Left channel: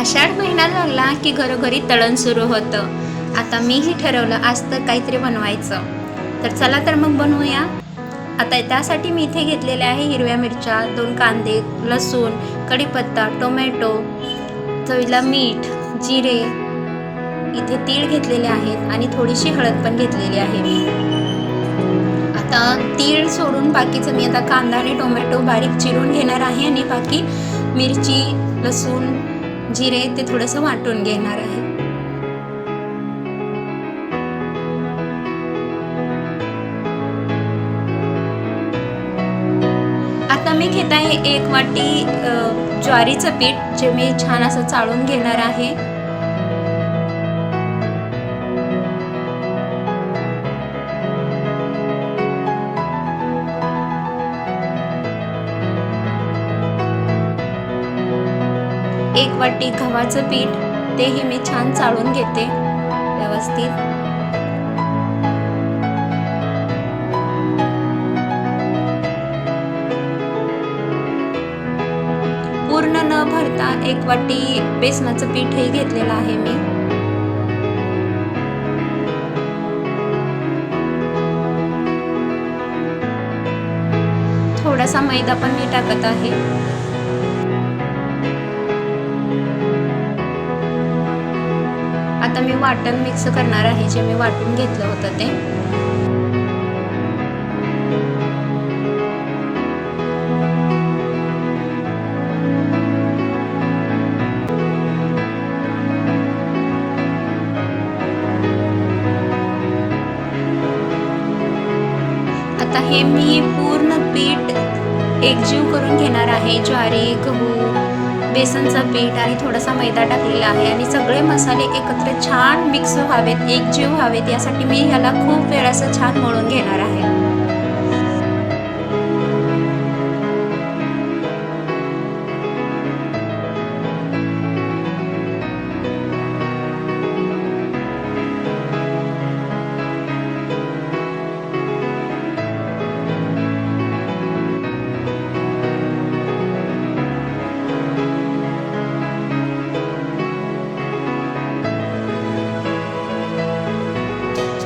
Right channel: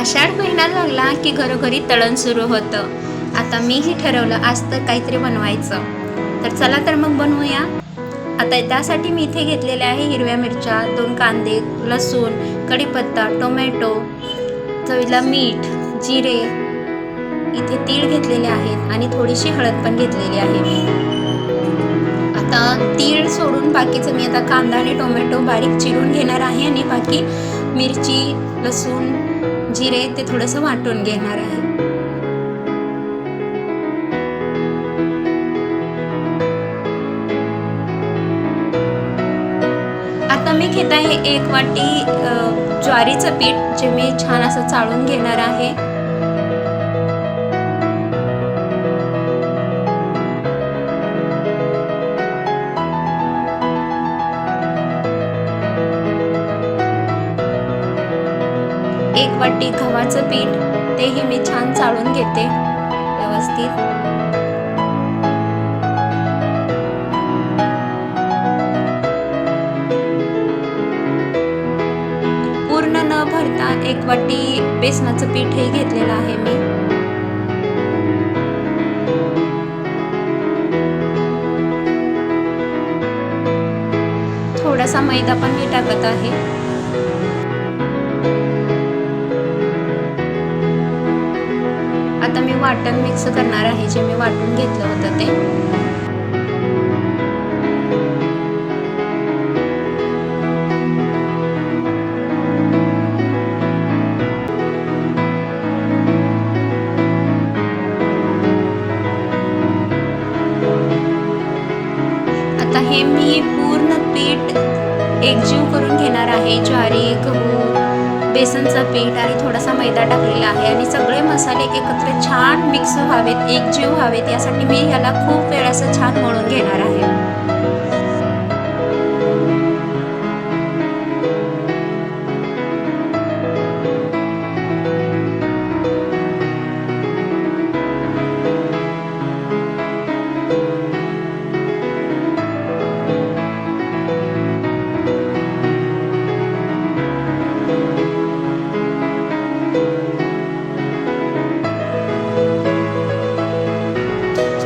आषाढ महिना लागला की घरोघरी तळण सुरू होतं. आता मीही ठरवलं आज तर काहीतरी बनवायचं. तर चला तर मग बनवूया. आता त्यासाठी मी इथे घेतलेल्या आहे हिरव्या मिरच्या, 2 कांदे, लसूण, कढीपत्ता, टोमॅटो, चवीला मीठ, जिरे, इथे तीळ घेतलेले आहेत आणि थोडीशी हळद पण घेतलेली आहे मी. आता तीळ सोडून बाकीचं मी आता कांदा आणि टोमॅटो बारीक चिरून घेणार आहे आणि बाकी मिरची, लसूण, जिरे ते थोडंसं वाटून घेणार आहे. आता मी घेत आहे 1 वाटी ज्वारीचं पीठ, जे मी छान असं चाळून घेणार आहे. एक वाटी गव्हाचं पीठ, तेही मी छान चाळून घेते व्यवस्थित. पूर्ण न भरता 1 वाटी बेसनाचं पीठही घेतलेलं आहे मी. थोडासा मैदा पण मी टाकत आहे. आता मी वाटण मिक्स करणार आहे, जे मी वाटून घेतलं होतं ते. आता हे मी पूर्ण पीठ एकजीव करून घेणार आहे. ज्वारी, गहू, बेसनचं पीठ आणि थोडासा मैदा टाकलेला आहे आणि सगळे मसाले एकत्र छान मिक्स व्हावेत, एकजीव व्हावेत, यासाठी मी ह्याला खूप वेळ असं छान मळून घेणार आहे.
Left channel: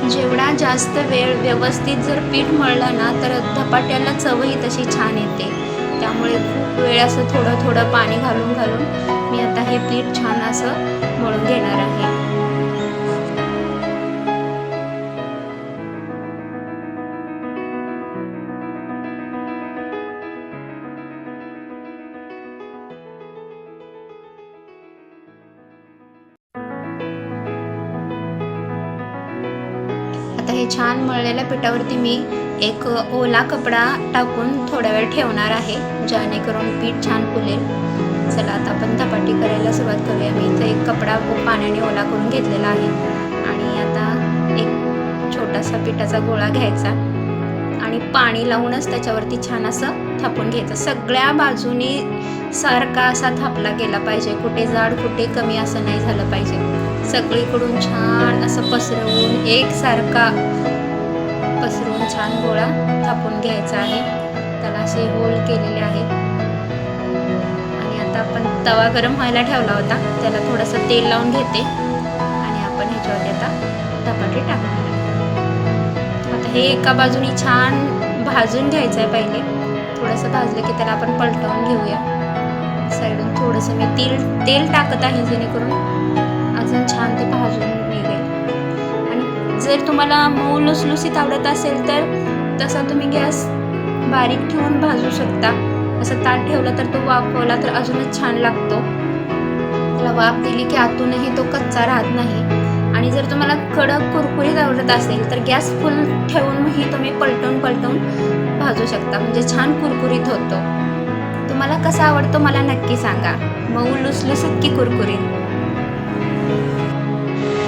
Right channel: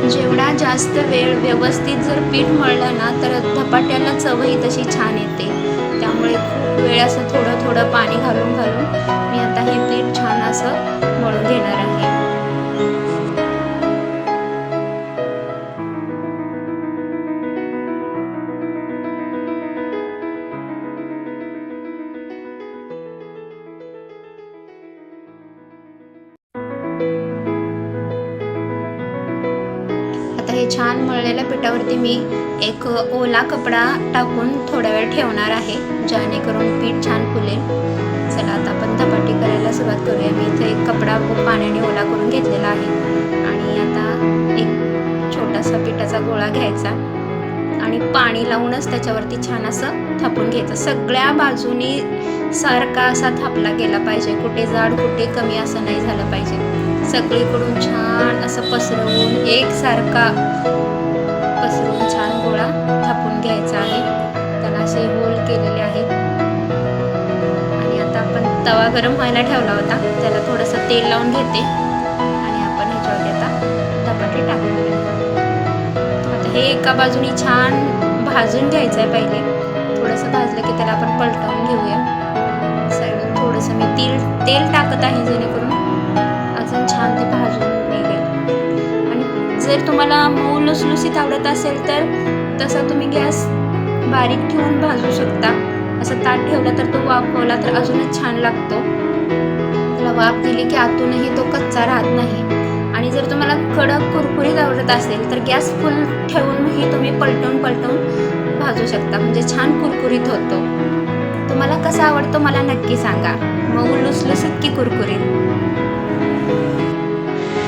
जेवढा जास्त वेळ व्यवस्थित जर पीठ मळलं ना, तर धपाट्याला चवही तशी छान येते. त्यामुळे खूप वेळ असं थोडं थोडं पाणी घालून मी आता हे पीठ छान असं मळून घेणार आहे. आता हे छान मळलेल्या पिठावरती मी एक ओला कपडा टाकून थोडा वेळ ठेवणार आहे, जेणेकरून पीठ छान फुलेल. चला आता आपण धपाटी करायला सुरुवात करूया. मी इथे एक कपडा पाण्याने ओला करून घेतलेला आहे आणि आता एक छोटासा पिठाचा गोळा घ्यायचा आणि पाणी लावूनच त्याच्यावरती छान असं थापून घ्यायचं. सगळ्या बाजूनी सारखा असा थापला गेला पाहिजे, कुठे जाड कुठे कमी असं नाही झालं पाहिजे. सगळीकडून छान असं पसरवून एकसारखा पसरवून छान गोळा थापून घ्यायचा आहे. त्याला असे होल केलेले आहेत आणि आता आपण तवा गरम व्हायला ठेवला होता, त्याला थोडंसं तेल लावून घेते आणि आपण ह्याच्यावरती आता धपाटे टाकणार आहे. आता हे एका बाजूनी छान भाजून घ्यायचं आहे. पहिले थोडंसं भाजलं की त्याला आपण पलटवून घेऊया. साईडून थोडंसं मी तेल टाकत आहे, जेणेकरून अजून छान ते भाजून निघेल. आणि जर तुम्हाला मऊ लुसलुसीत आवडत असेल तर तसा तुम्ही गॅस बारीक ठेवून भाजू शकता. असं ताट ठेवलं तर तो वाफवला तर अजूनच छान लागतो. त्याला वाफ दिली की आतूनही तो कच्चा राहत नाही. आणि जर तुम्हाला कडक कुरकुरीत आवडत असेल तर गॅस फुल ठेवूनही तुम्ही पलटून भाजू शकता, म्हणजे छान कुरकुरीत होतो. तुम्हाला कसा आवडतो मला नक्की सांगा, मऊ लुसलुसीत की कुरकुरीत.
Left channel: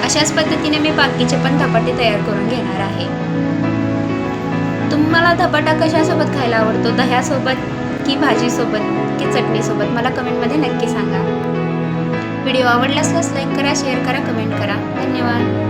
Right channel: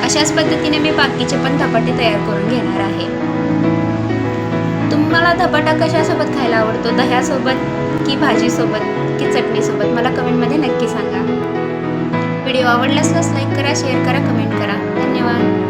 अशाच पद्धतीने मी बाकीचे पण धपाटे तयार करून घेणार आहे. तुम्हाला धपाटा कशासोबत खायला आवडतो, दह्यासोबत की भाजीसोबत की चटणीसोबत, मला कमेंटमध्ये नक्की सांगा. व्हिडिओ आवडल्यास लाईक करा, शेअर करा, कमेंट करा. धन्यवाद.